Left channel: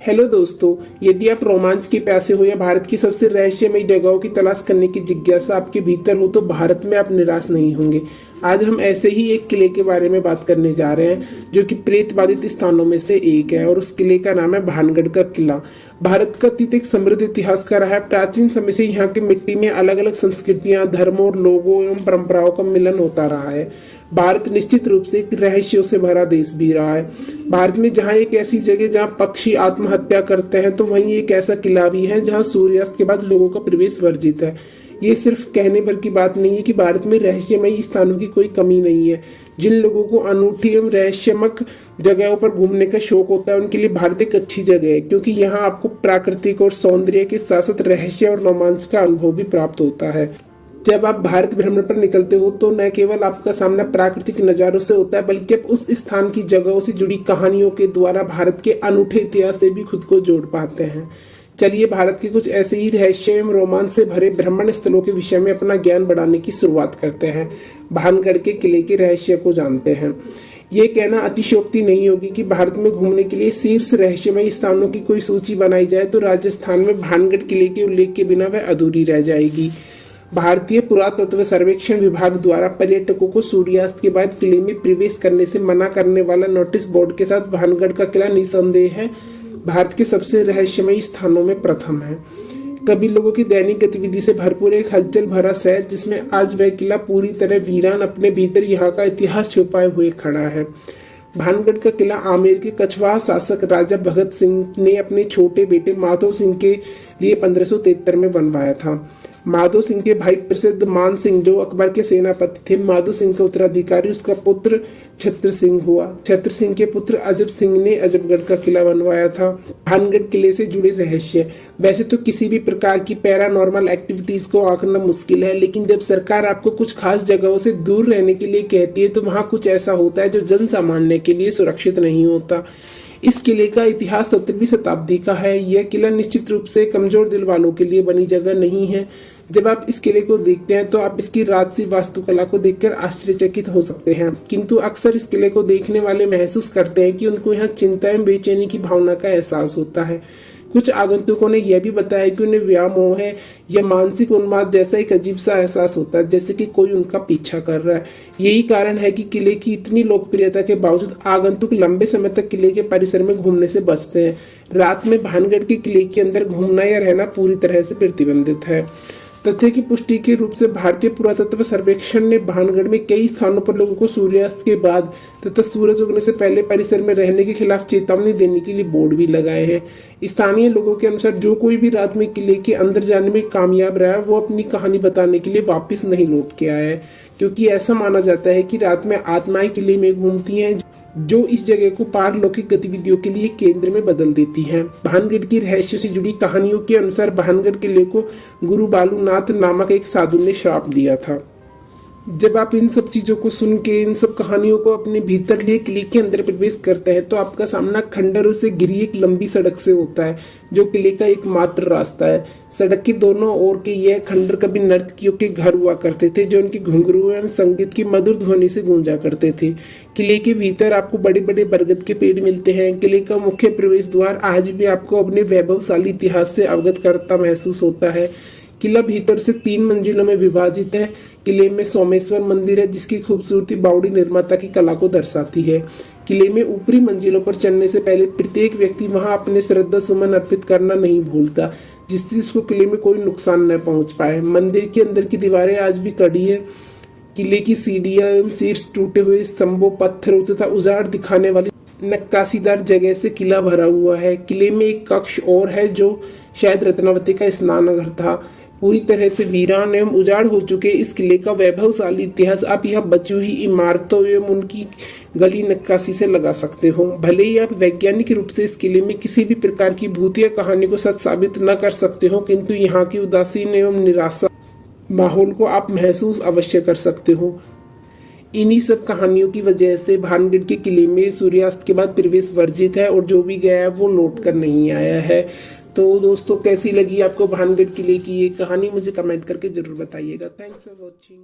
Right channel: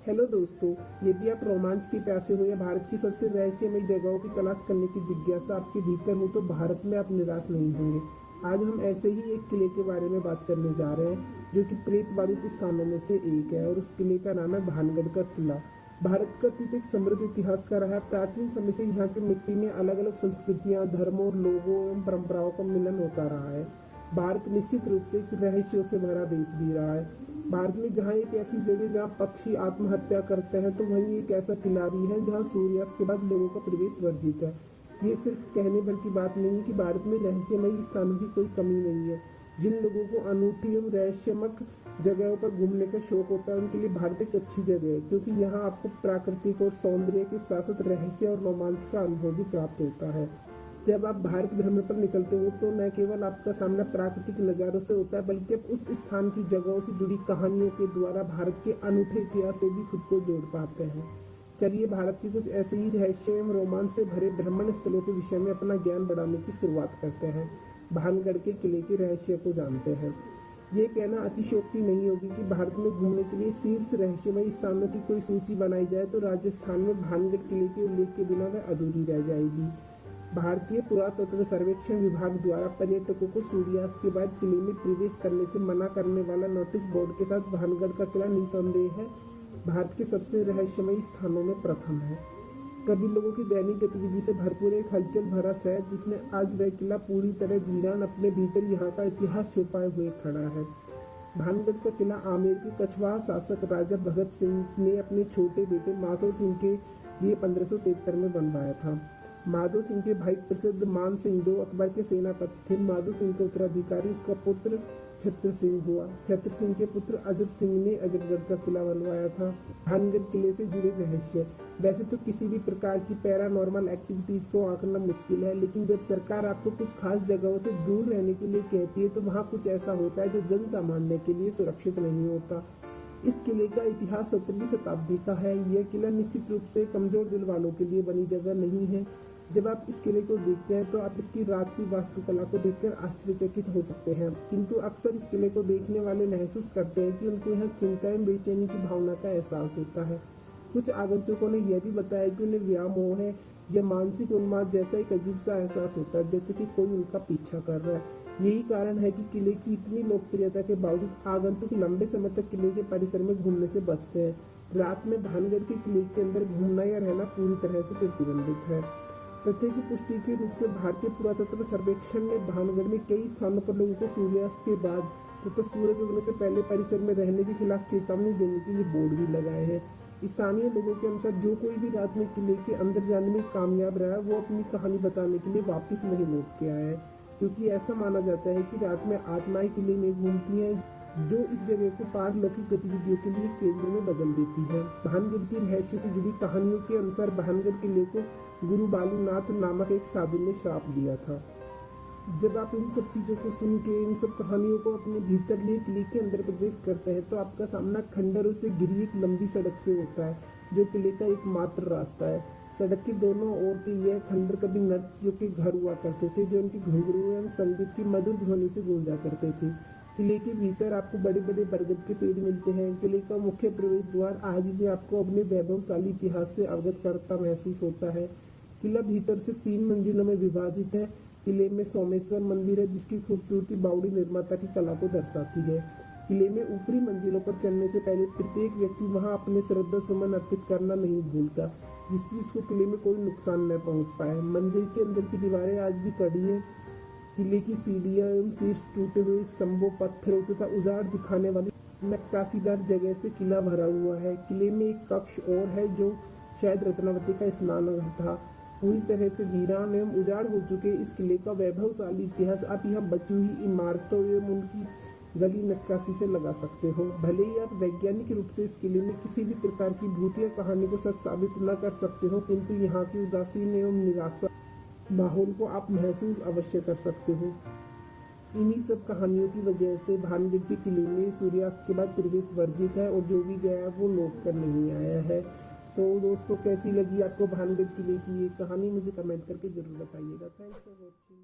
Hello दोस्तों, यदि आप रोमांच के प्यासे हो या भारत की सबसे रहस्यमयी जगहों की तलाश करने की जिज्ञासा आपके भीतर हो तो भारत में आप निराश नहीं होंगे। आज हम ऐसे ही एक किले के बारे में बात करने जा रहे हैं जो कि प्रेत बाधित स्थानों में से एक है और उस किले का नाम है भानगढ़ का किला। भारत का अतीत एक समृद्ध इतिहास का रहा है। प्राचीन समय से यहाँ की मिट्टी में अलग अलग संस्कृतियां, धर्मों और लोगों एवं परंपराओं का मिलन होता रहा है। भारत निश्चित रूप से एक रहस्यों से भरा देश भी रहा है। भारत में जहाँ एक ऐसी जगह जहाँ पक्षी आत्महत्या करते हैं तो वहीं एक ऐसा किला भी है जहाँ सूर्यास्त के बाद लोगों का प्रवेश वर्जित है। ये सिर्फ कहने भर की बात नहीं है कि भारत में रहस्यमयी स्थानों की कोई कमी नहीं है। जिन लोगों को अनूठी एवं रहस्यमक जगहों पर घूमने का शौक होता है उनके लिए भारत एक अच्छी जगह है, क्योंकि यहाँ आपको प्राकृतिक और सौंदर्य के साथ साथ रहस्य और रोमांच का अनुभव भी प्राप्त होता है। जब आप भारत भ्रमण पर निकलते हो तो न केवल आपका सामना प्राकृतिक नजारों से होता है, बल्कि आप उस स्थान की जगहों से जुड़ी कहानियों के द्वारा भारत के अनूठे इतिहास से भी खुद को जोड़ पाते हैं। चलिए भारत के कुछ ऐसे ही रहस्य एवं रोमांच से भरे भ्रमण स्थलों के विषय में अपना ज्ञान बढ़ाने की शुरुआत करते हैं। भानगढ़ के किले के रहस्य को जानते हैं। ये कहना अतिशयोक्ति नहीं होगी कि भारत में घूमने के लिए शीर्ष रहस्यमय स्थानों की कोई सूची बनाई जाए तो राजस्थान में भानगढ़ किले के उल्लेख के बिना वह अधूरी रह जाएगी। भारतीय पुरातत्व सर्वेक्षण विभाग द्वारा पर्यटकों को सूर्यास्त के बाद किले में प्रवेश करने से मना करने वाला नोटिस बोर्ड के साथ भानगढ़ का किला निसंदेह है भारत के सबसे रहस्यमयी स्थानों में प्रथम है। कभी लोगों की दैनिक गतिविधि से भरपूर एक हलचल भरा शहर जिसमें आज वह किला पूरी तरह वीरान अपने भीतर यहाँ का इतिहास छुपाए हुए खड़ा है। भानगढ़ का किला आमेर के कछवाहा शासक राजा भगत सिंह ने अपने छोटे बेटे माधो सिंह के लिए 1573 में बनवाया था। माधो सिंह के भाई प्रसिद्ध मान सिंह जो अकबर के सेनापति थे, माधो सिंह का उत्तराधिकारी उसका पुत्र छत्र सिंह हुआ। छत्र सिंह के पुत्र अजब सिंह ने अजबगढ़ का किला बनवाया था। भानगढ़ किले से जुड़े रहस्य। वैसे तो किसी भी प्रकार की पैरानॉर्मल एक्टिविटीज को आंकना मुश्किल है, लेकिन जब सरकार आपको कुछ खास जगहों से दूर रहने के लिए कहती है तो वहाँ कुछ ऐसा होता है जो जन सामान्य के लिए सुरक्षित नहीं होता। इस किले का इतिहास 17वीं शताब्दी का है। यह किला निश्चित रूप से कमजोर दिल वालों के लिए बनी जगह नहीं है। जब आप इस किले को देखते हैं तो आप इसकी राजसी वास्तुकला को देखकर आश्चर्यचकित हो सकते हैं, किंतु अक्सर इस किले को देखने वाले महसूस करते हैं कि उनको यहाँ चिंता एवं बेचैनी की भावना का एहसास होता है। कुछ आगंतुकों ने यह भी बताया कि उन्हें व्यामोह है या मानसिक उन्माद जैसा एक अजीब सा एहसास होता है, जैसे कि कोई उनका पीछा कर रहा है। यही कारण है कि किले की इतनी लोकप्रियता के बावजूद आगंतुक लंबे समय तक किले के परिसर में घूमने से बचते हैं। रात में भानगढ़ के किले के अंदर घूमना या रहना पूरी तरह से प्रतिबंधित है। तथ्य की पुष्टि के रूप से भारतीय पुरातत्व सर्वेक्षण ने भानगढ़ में कई स्थानों पर लोगों को सूर्यास्त के बाद तथा सूरज उगने से पहले परिसर में रहने के खिलाफ चेतावनी देने के लिए बोर्ड भी लगाए हैं। स्थानीय लोगों के अनुसार जो कोई भी रात में किले के अंदर जाने में कामयाब रहा है वो अपनी कहानी बताने के लिए वापस नहीं लौट के आया है, क्योंकि ऐसा माना जाता है कि रात में आत्माएं किले में घूमती हैं जो इस जगह को पारलौकिक गतिविधियों के लिए केंद्र में बदल देती है। भानगढ़ की रहस्य से जुड़ी कहानियों के अनुसार भानगढ़ किले को गुरु बालूनाथ नामक एक साधु ने श्राप दिया था। जब आप इन सब चीजों को सुन के, इन सब कहानियों को अपने भीतर लिए किले के अंदर प्रवेश करते हैं तो आपका सामना खंडरों से घिरी एक लंबी सड़क से होता है जो किले का एकमात्र रास्ता है। सड़क के दोनों ओर के यह खंडर कभी नर्तकियों के घर हुआ करते थे जो उनकी घुंघरू एवं संगीत की मधुर ध्वनि से गूंजा करते थे। किले के भीतर आपको बड़े बड़े बरगद के पेड़ मिलते हैं। किले का मुख्य प्रवेश द्वार आज भी आपको अपने वैभवशाली इतिहास से अवगत करता महसूस होता है। किला भीतर से 3 मंजिलों में विभाजित है। किले में सोमेश्वर मंदिर है जिसकी खूबसूरती बावड़ी निर्माता की कला को दर्शाती है। किले में ऊपरी मंजिलों पर चढ़ने से पहले प्रत्येक व्यक्ति वहां अपने श्रद्धा सुमन अर्पित करना नहीं भूलता, जिससे उसको किले में कोई नुकसान न पहुंच पाए। मंदिर के अंदर की दीवारें आज भी कड़ी है। किले की सीढ़ियां एवं शीर्ष टूटे हुए स्तंभों, पत्थरों तथा उजाड़ दिखाने वाली नक्काशीदार जगह से किला भरा हुआ है। किले में एक कक्ष और है जो शायद रत्नावती का स्नानघर था। पूरी तरह से वीरान एवं उजाड़ हो चुके इस किले का वैभवशाली इतिहास आप यहाँ बची हुई इमारतों एवं उनकी गली नक्काशी से लगा सकते हो। भले ही आप वैज्ञानिक रूप से इस किले में किसी भी प्रकार की भूतिया कहानी को सच साबित न कर सकते हो, किंतु यहाँ की उदासीन एवं निराशा माहौल को आप महसूस अवश्य कर सकते हो। इन्हीं सब कहानियों की वजह से भानगढ़ के किले में सूर्यास्त के बाद प्रवेश वर्जित है और जो भी गया है वो लौट कर नहीं आया है। तो दोस्तों, कैसी लगी आपको भानगढ़ किले की ये कहानी, मुझे कमेंट करके जरूर बताइएगा। Thanks for watching.